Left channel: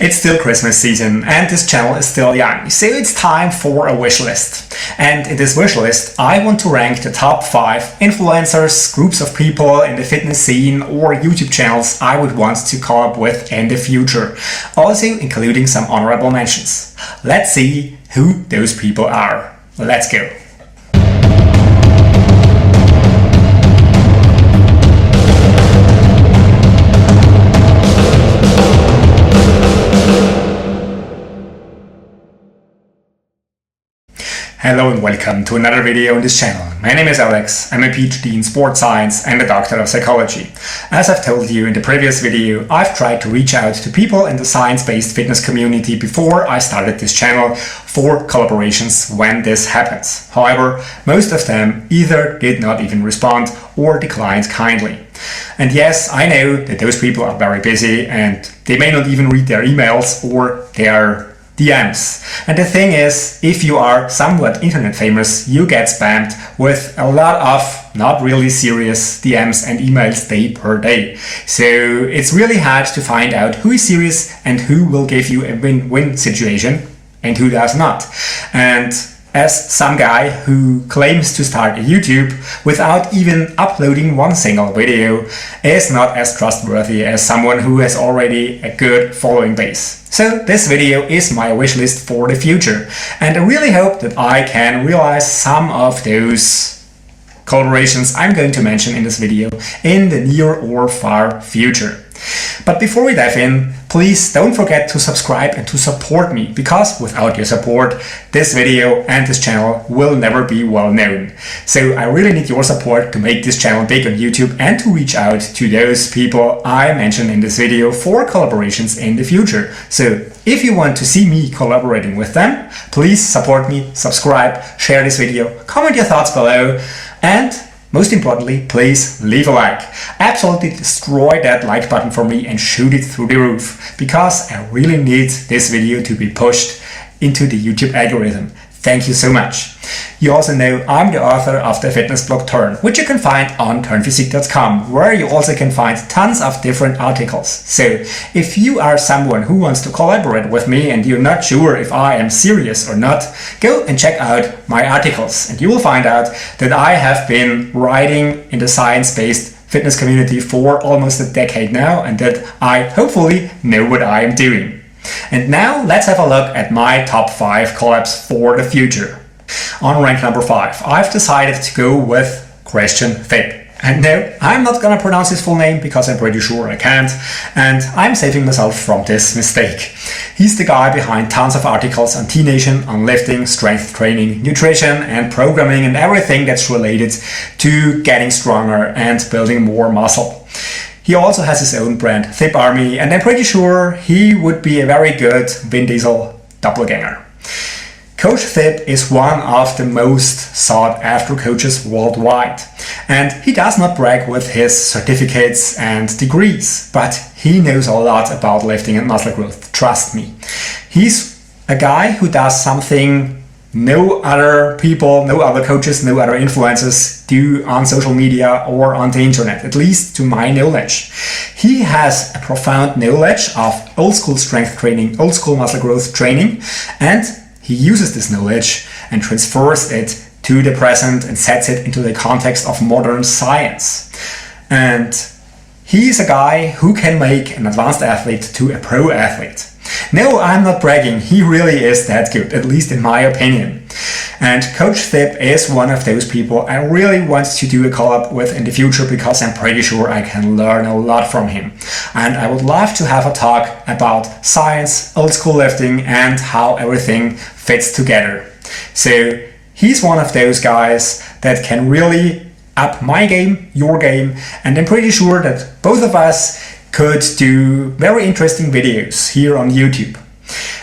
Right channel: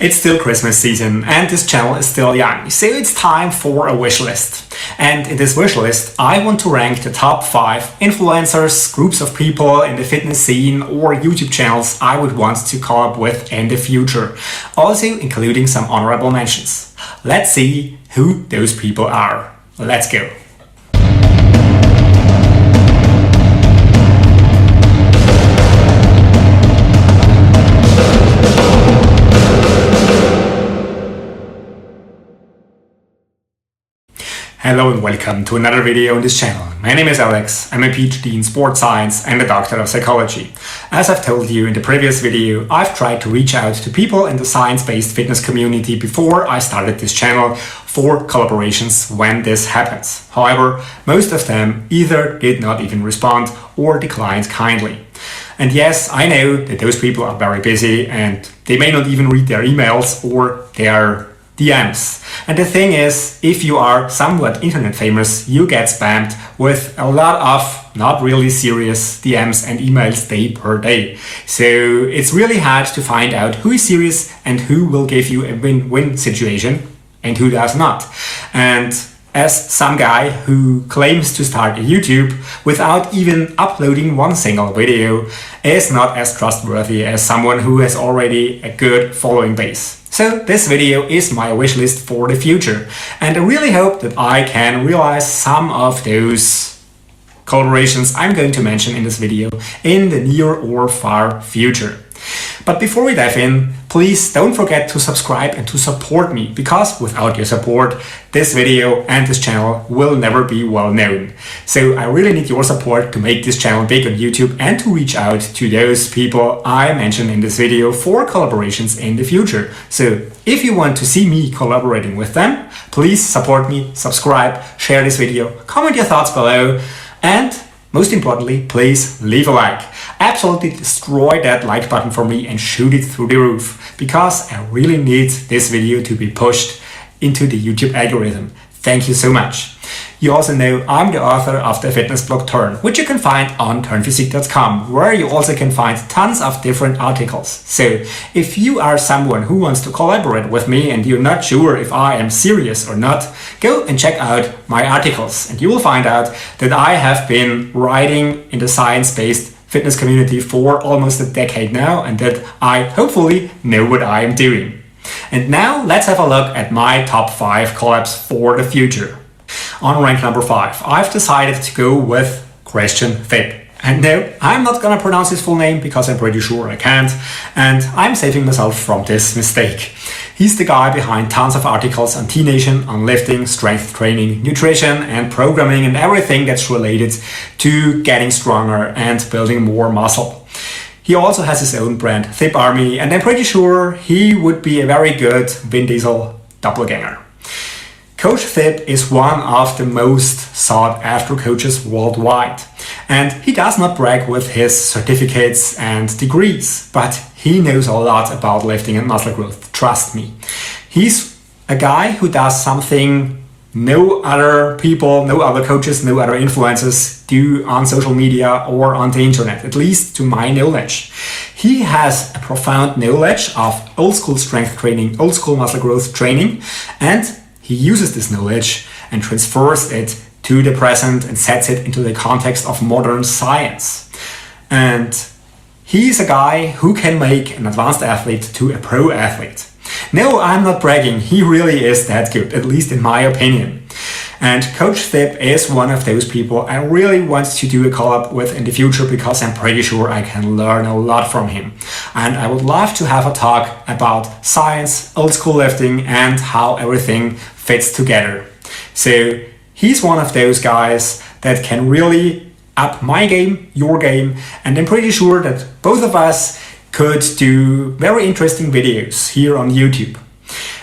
It's still Christmas season and this channel is still young, so it's time for a wish list. And in this wish list, I want to rank the top 5 influencers, groups of people in the fitness scene or YouTube channels I would want to collab with in the future, also including some honorable mentions. Let's see who those people are. Let's go. Hello and welcome to another video on this channel. My name is Alex, I'm a PhD in sports science and a doctor of psychology. As I've told you in the previous video, I've tried to reach out to people in the science-based fitness community before I started this channel for collaborations when this happens. However, most of them either did not even respond or declined kindly. And yes, I know that those people are very busy and they may not even read their emails or their DMs. And the thing is, if you are somewhat internet famous, you get spammed with a lot of not really serious DMs and emails day per day. So it's really hard to find out who is serious and who will give you a win-win situation and who does not. And as some guy who claims to start a YouTube without even uploading one single video is not as trustworthy as someone who has already a good following base. So this video is my wish list for the future, and I really hope that I can realize some of those collaborations I'm going to mention in this video in the near or far future. But before we dive in, please don't forget to subscribe and to support me, because without your support, this video and this channel will never be well known. So I really need your support to make this channel big on YouTube and to reach out to those people I mentioned in this video for collaborations in the future. So if you want to see me collaborating with them, please support me, subscribe, share this video, comment your thoughts below, and most importantly, please leave a like. Absolutely destroy that like button for me and shoot it through the roof, because I really need this video to be pushed into the YouTube algorithm. Thank you so much. You also know I'm the author of the fitness blog Turn, which you can find on turnphysique.com, where you also can find tons of different articles. So if you are someone who wants to collaborate with me and you're not sure if I am serious or not, go and check out my articles and you will find out that I have been writing in the science-based fitness community for almost a decade now, and that I hopefully know what I am doing. And now let's have a look at my top 5 collabs for the future. On rank number 5, I've decided to go with Christian Thipp. And no, I'm not gonna pronounce his full name because I'm pretty sure I can't, and I'm saving myself from this mistake. He's the guy behind tons of articles on T-Nation, on lifting, strength training, nutrition and programming and everything that's related to getting stronger and building more muscle. He also has his own brand, Thipp Army, and I'm pretty sure he would be a very good Vin Diesel doppelganger. Coach Thipp is one of the most sought after coaches worldwide, and he does not brag with his certificates and degrees, but he knows a lot about lifting and muscle growth, trust me. He's a guy who does something no other people, no other coaches, no other influencers do on social media or on the internet, at least to my knowledge. He has a profound knowledge of old school strength training, old school muscle growth training, and he uses this knowledge and transfers it to the present and sets it into the context of modern science. And he's a guy who can make an advanced athlete to a pro athlete. No, I'm not bragging, he really is that good, at least in my opinion. And Coach Thipp is one of those people I really want to do a collab with in the future, because I'm pretty sure I can learn a lot from him. And I would love to have a talk about science, old school lifting, and how everything fits together. So he's one of those guys that can really up my game, your game, and I'm pretty sure that both of us could do very interesting videos here on YouTube.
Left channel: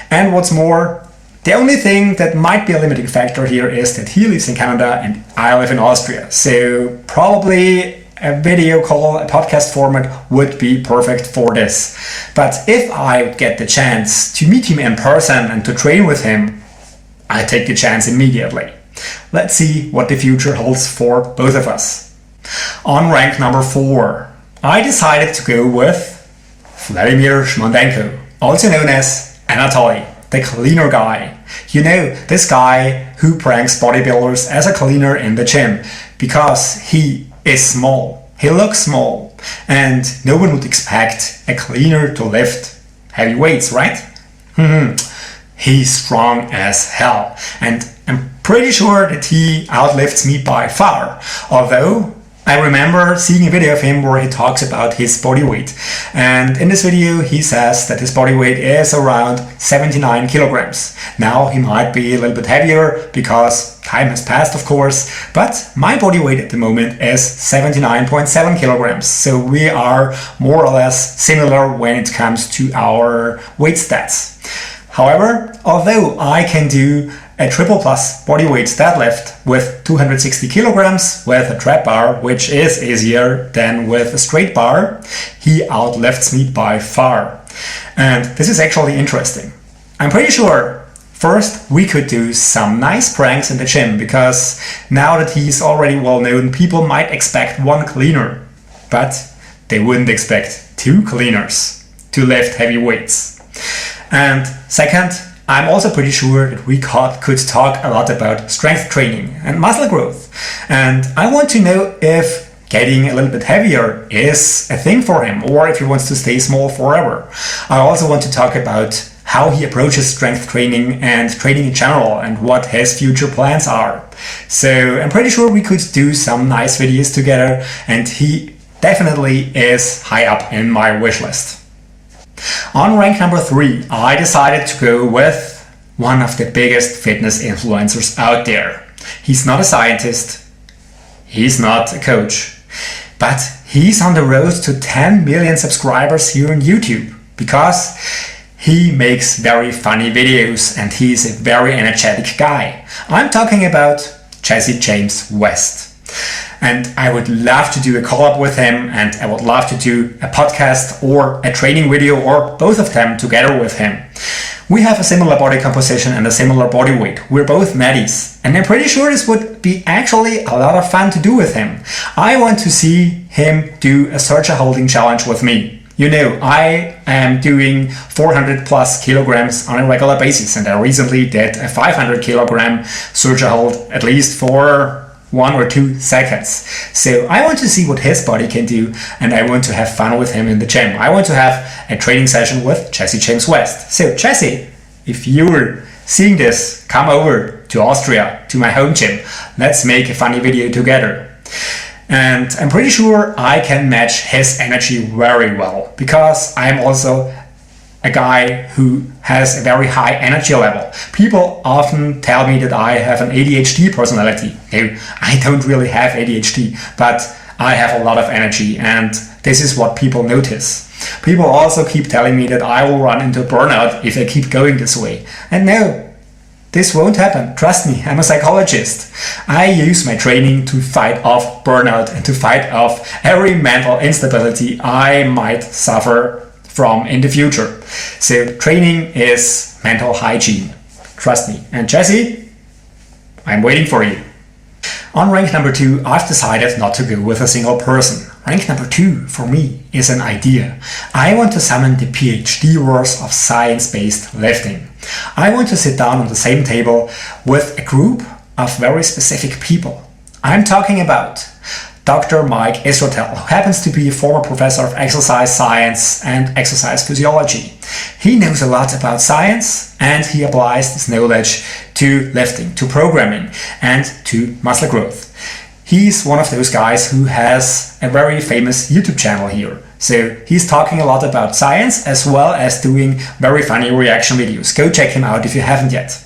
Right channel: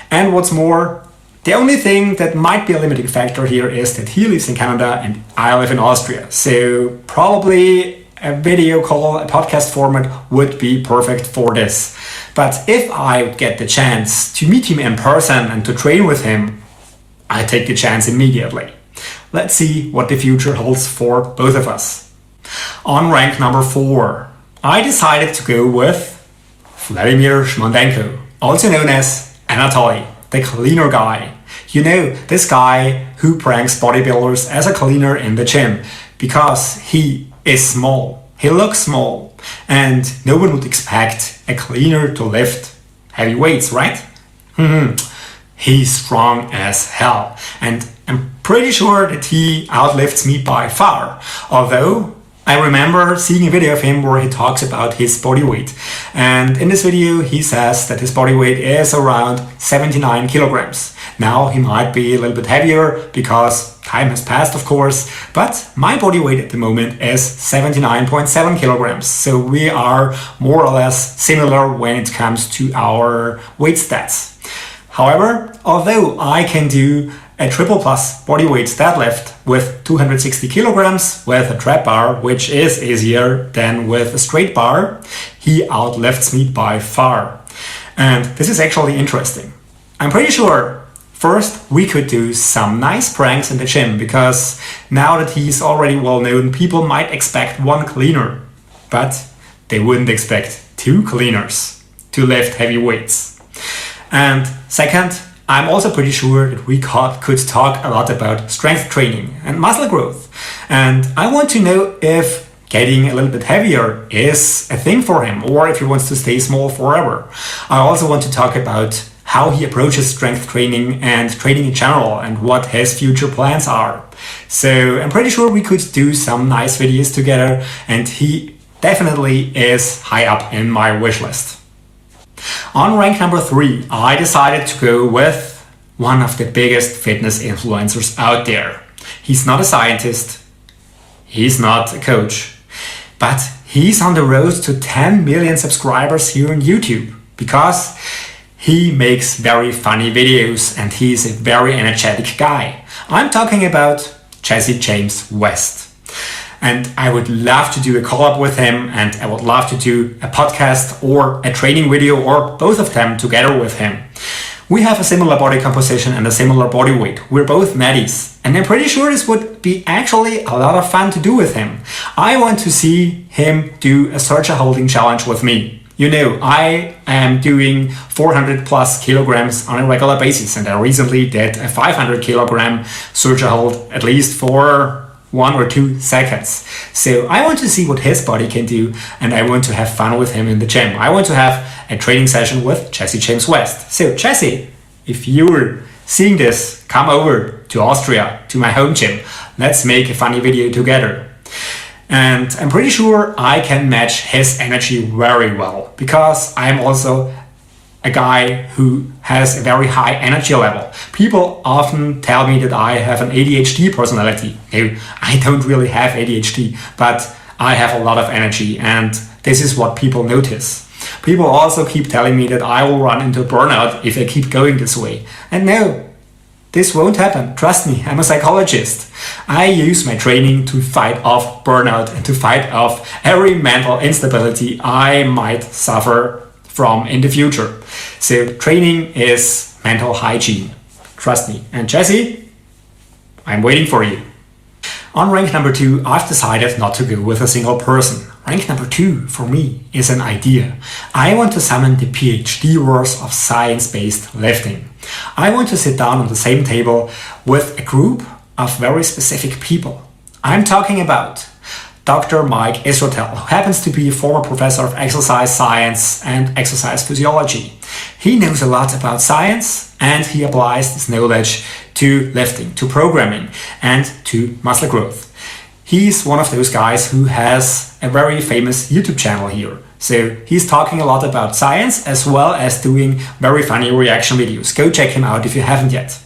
And what's more, the only thing that might be a limiting factor here is that he lives in Canada and I live in Austria. So probably a video call, a podcast format would be perfect for this. But if I get the chance to meet him in person and to train with him, I take the chance immediately. Let's see what the future holds for both of us. On rank number 4, I decided to go with Vladimir Shmondenko. also known as Anatoly, the cleaner guy. You know, this guy who pranks bodybuilders as a cleaner in the gym because he is small. He looks small, and no one would expect a cleaner to lift heavy weights, right? He's strong as hell, and I'm pretty sure that he outlifts me by far, although I remember seeing a video of him where he talks about his body weight, and in this video he says that his body weight is around 79 kilograms. Now he might be a little bit heavier because time has passed, of course, but my body weight at the moment is 79.7 kilograms, so we are more or less similar when it comes to our weight stats. However, although I can do a triple plus bodyweight deadlift with 260 kilograms with a trap bar, which is easier than with a straight bar, he outlifts me by far. And this is actually interesting. I'm pretty sure first we could do some nice pranks in the gym, because now that he's already well known, people might expect one cleaner, but they wouldn't expect two cleaners to lift heavy weights. And second, I'm also pretty sure that we could talk a lot about strength training and muscle growth. And I want to know if getting a little bit heavier is a thing for him, or if he wants to stay small forever. I also want to talk about how he approaches strength training and training in general, and what his future plans are. So I'm pretty sure we could do some nice videos together, and he definitely is high up in my wish list. On rank number 3, I decided to go with one of the biggest fitness influencers out there. He's not a scientist, he's not a coach, but he's on the road to 10 million subscribers here on YouTube, because he makes very funny videos and he's a very energetic guy. I'm talking about Jesse James West. And I would love to do a collab with him, and I would love to do a podcast or a training video, or both of them together with him. We have a similar body composition and a similar body weight. We're both natties, and I'm pretty sure this would be actually a lot of fun to do with him. I want to see him do a searcher holding challenge with me. You know, I am doing 400 plus kilograms on a regular basis, and I recently did a 500 kilogram searcher hold, at least for 1 or 2 seconds. So I want to see what his body can do, and I want to have fun with him in the gym. I want to have a training session with Jesse James West. So Jesse, if you're seeing this, come over to Austria, to my home gym. Let's make a funny video together. And I'm pretty sure I can match his energy very well, because I'm also a guy who has a very high energy level. People often tell me that I have an ADHD personality. No, I don't really have ADHD, but I have a lot of energy, and this is what people notice. People also keep telling me that I will run into burnout if I keep going this way. And no, this won't happen. Trust me, I'm a psychologist. I use my training to fight off burnout and to fight off every mental instability I might suffer from in the future. So training is mental hygiene. Trust me. And Jesse, I'm waiting for you. On rank number 2, I've decided not to go with a single person. Rank number 2 for me is an idea. I want to summon the PhD-verse of science-based lifting. I want to sit down on the same table with a group of very specific people. I'm talking about Dr. Mike Israetel, who happens to be a former professor of exercise science and exercise physiology. He knows a lot about science, and he applies this knowledge to lifting, to programming, and to muscle growth. He's one of those guys who has a very famous YouTube channel here. So he's talking a lot about science, as well as doing very funny reaction videos. Go check him out if you haven't yet.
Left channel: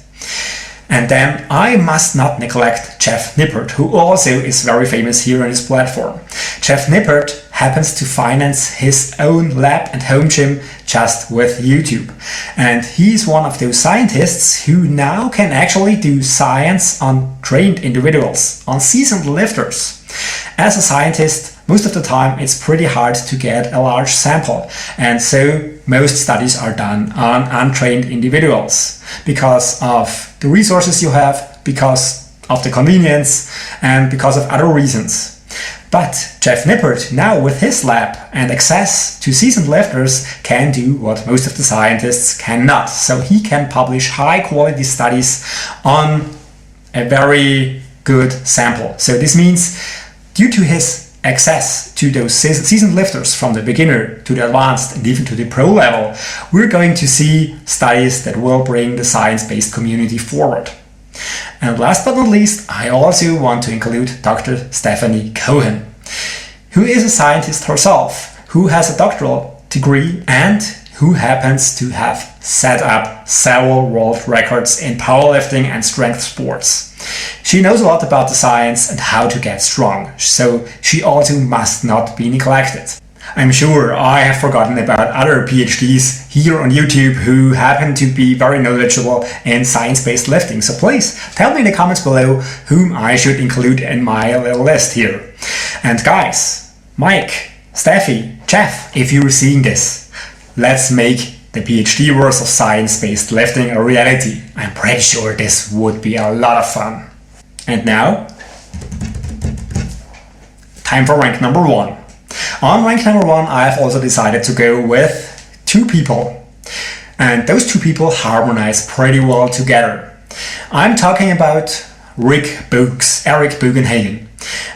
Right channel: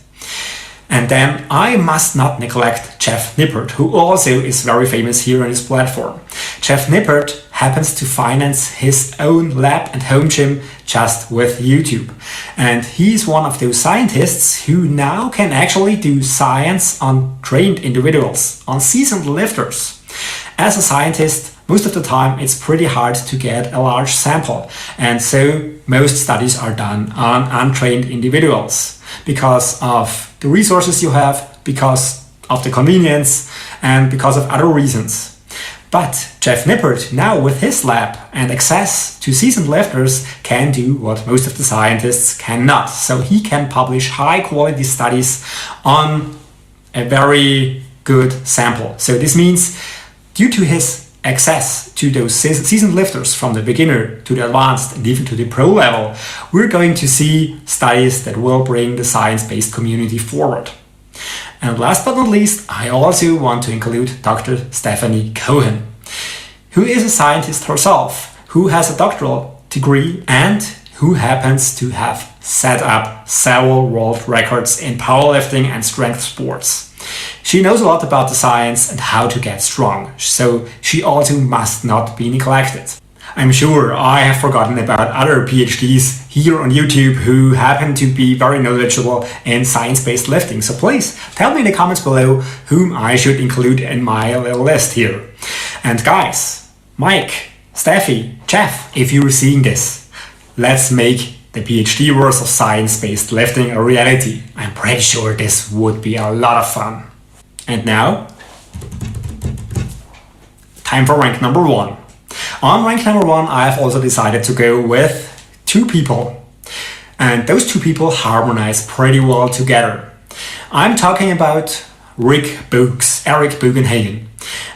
And then I must not neglect Jeff Nippert, who also is very famous here on his platform. Jeff Nippert happens to finance his own lab and home gym just with YouTube. And he's one of those scientists who now can actually do science on trained individuals, on seasoned lifters. As a scientist, most of the time it's pretty hard to get a large sample. And so most studies are done on untrained individuals because of the resources you have, because of the convenience, and because of other reasons. But Jeff Nippert, now with his lab and access to seasoned lifters, can do what most of the scientists cannot. So he can publish high quality studies on a very good sample. So this means due to his access to those seasoned lifters from the beginner to the advanced and even to the pro level, we're going to see studies that will bring the science-based community forward. And last but not least, I also want to include Dr. Stephanie Cohen, who is a scientist herself, who has a doctoral degree and who happens to have set up several world records in powerlifting and strength sports. She knows a lot about the science and how to get strong, so she also must not be neglected. I'm sure I have forgotten about other PhDs here on YouTube who happen to be very knowledgeable in science-based lifting, so please tell me in the comments below whom I should include in my little list here. And guys, Mike, Steffi, Jeff, if you're seeing this, let's make the PhD worth of science-based lifting a reality. I'm pretty sure this would be a lot of fun. And now, time for rank number 1. On rank number 1, I've also decided to go with 2 people. And those 2 people harmonize pretty well together. I'm talking about Eric Bugenhagen.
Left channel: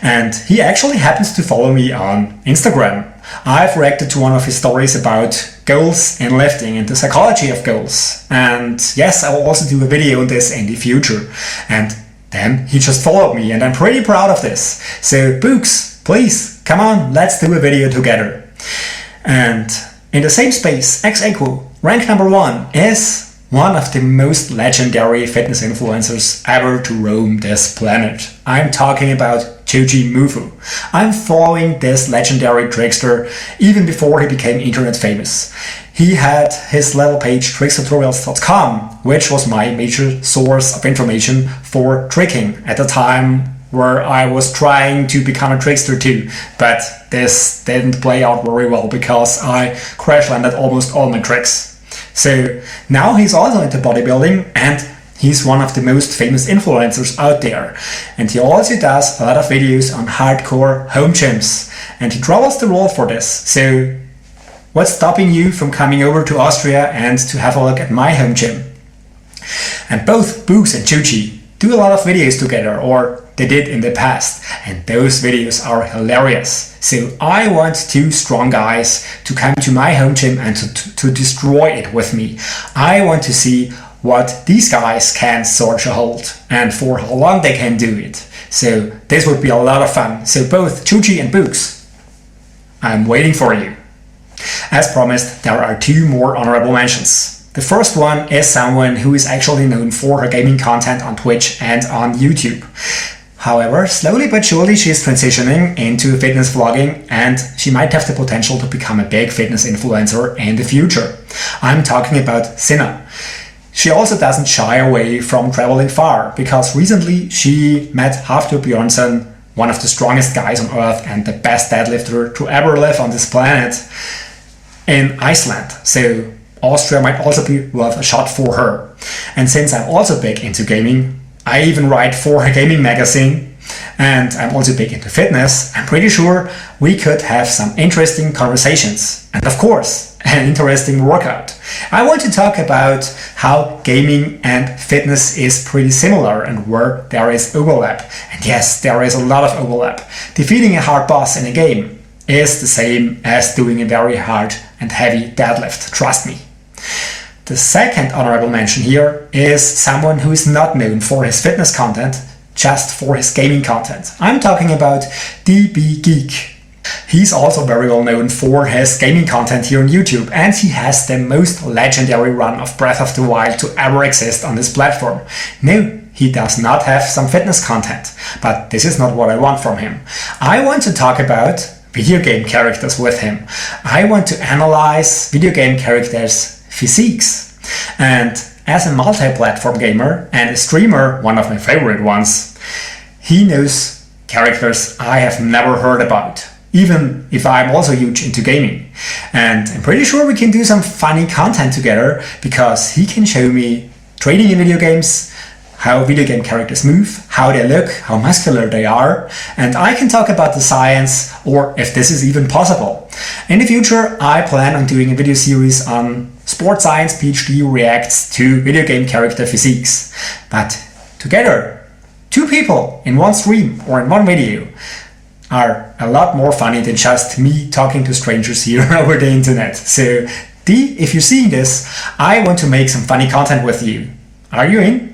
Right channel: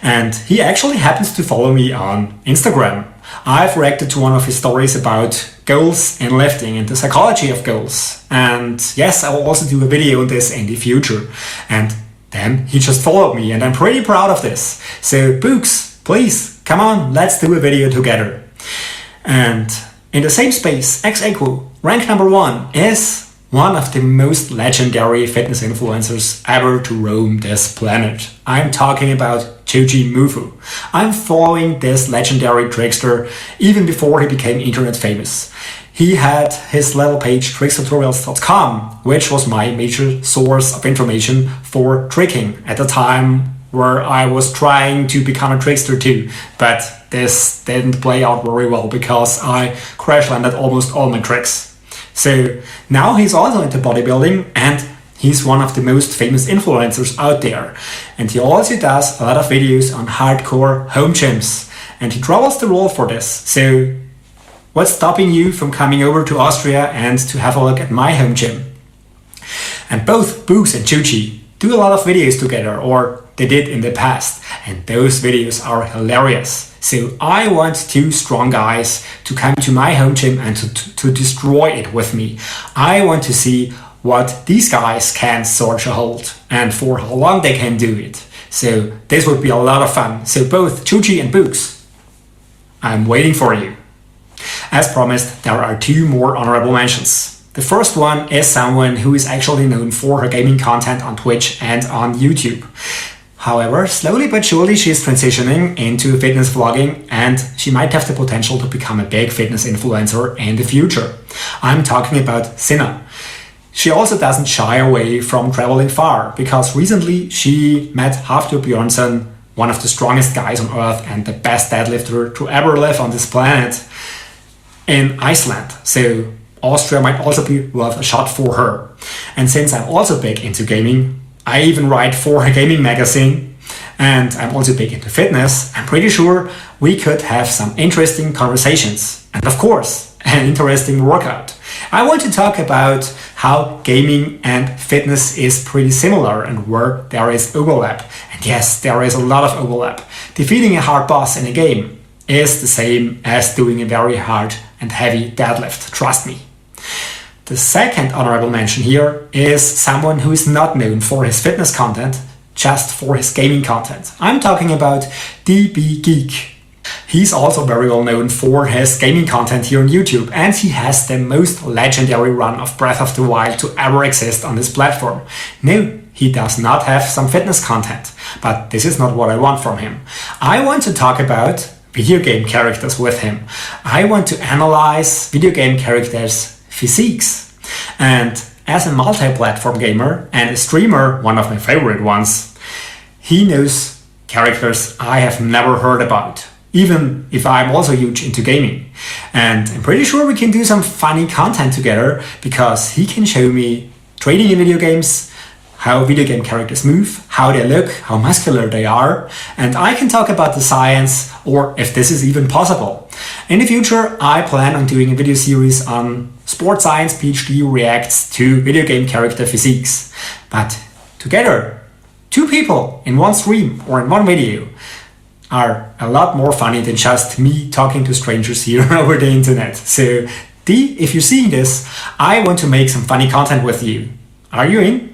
And he actually happens to follow me on Instagram. I've reacted to one of his stories about goals in lifting and the psychology of goals. And yes, I will also do a video on this in the future. And then he just followed me and I'm pretty proud of this. So Books, please, come on, let's do a video together. And in the same space, ex-aequo, rank number 1 is one of the most legendary fitness influencers ever to roam this planet. I'm talking about Joji Mufu. I'm following this legendary trickster even before he became internet famous. He had his level page trickstutorials.com, which was my major source of information for tricking at the time where I was trying to become a trickster too. But this didn't play out very well because I crash landed almost all my tricks. So now he's also into bodybuilding and he's one of the most famous influencers out there. And he also does a lot of videos on hardcore home gyms. And he travels the world for this. So what's stopping you from coming over to Austria and to have a look at my home gym? And both Books and Joji do a lot of videos together, or they did in the past. And those videos are hilarious. So I want 2 strong guys to come to my home gym and to destroy it with me. I want to see what these guys can sort of hold and for how long they can do it. So this would be a lot of fun. So both Joji and Books, I'm waiting for you. As promised, there are 2 more honorable mentions. The first one is someone who is actually known for her gaming content on Twitch and on YouTube. However, slowly but surely she is transitioning into fitness vlogging and she might have the potential to become a big fitness influencer in the future. I'm talking about Sinna. She also doesn't shy away from traveling far because recently she met Hafthor Björnsson, one of the strongest guys on earth and the best deadlifter to ever live on this planet, in Iceland. So Austria might also be worth a shot for her. And since I'm also big into gaming, I even write for a gaming magazine and I'm also big into fitness, I'm pretty sure we could have some interesting conversations. And of course, an interesting workout. I want to talk about how gaming and fitness is pretty similar and where there is overlap. And yes, there is a lot of overlap. Defeating a hard boss in a game is the same as doing a very hard and heavy deadlift, trust me. The second honorable mention here is someone who is not known for his fitness content, just for his gaming content. I'm talking about DB Geek. He's also very well known for his gaming content here on YouTube, and he has the most legendary run of Breath of the Wild to ever exist on this platform. No, he does not have some fitness content, but this is not what I want from him. I want to talk about video game characters with him. I want to analyze video game characters' physiques. And as a multi-platform gamer and a streamer, one of my favorite ones, he knows characters I have never heard about, even if I'm also huge into gaming. And I'm pretty sure we can do some funny content together because he can show me trading in video games, how video game characters move, how they look, how muscular they are, and I can talk about the science, or if this is even possible. In the future, I plan on doing a video series on Sports Science PhD reacts to video game character physiques. But together, two people in one stream or in one video are a lot more funny than just me talking to strangers here over the internet. So, if you're seeing this, I want to make some funny content with you. Are you in?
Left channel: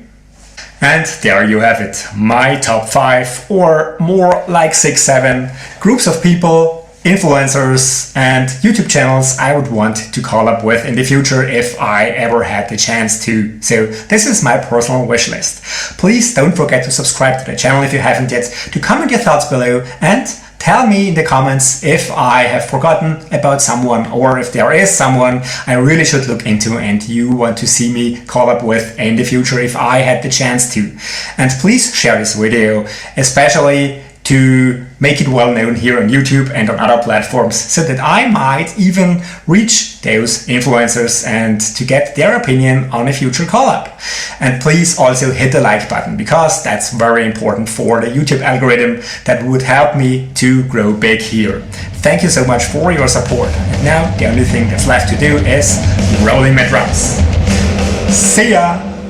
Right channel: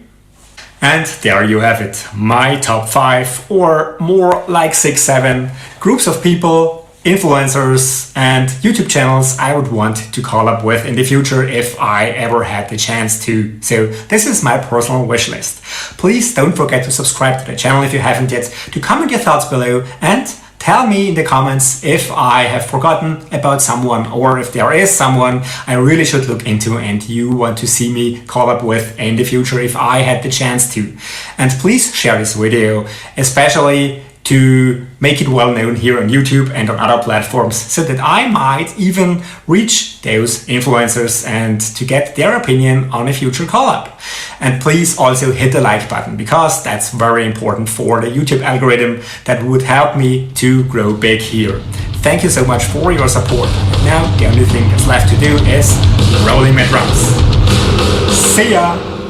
And there you have it, my top 5 or more like 6, 7 groups of people, influencers and YouTube channels I would want to collab with in the future if I ever had the chance to. So this is my personal wish list. Please don't forget to subscribe to the channel if you haven't yet, to comment your thoughts below and tell me in the comments if I have forgotten about someone or if there is someone I really should look into and you want to see me collab with in the future if I had the chance to. And please share this video, especially to make it well known here on YouTube and on other platforms so that I might even reach those influencers and to get their opinion on a future collab. And please also hit the like button because that's very important for the YouTube algorithm that would help me to grow big here. Thank you so much for your support. And now the only thing that's left to do is rolling my drums. See ya!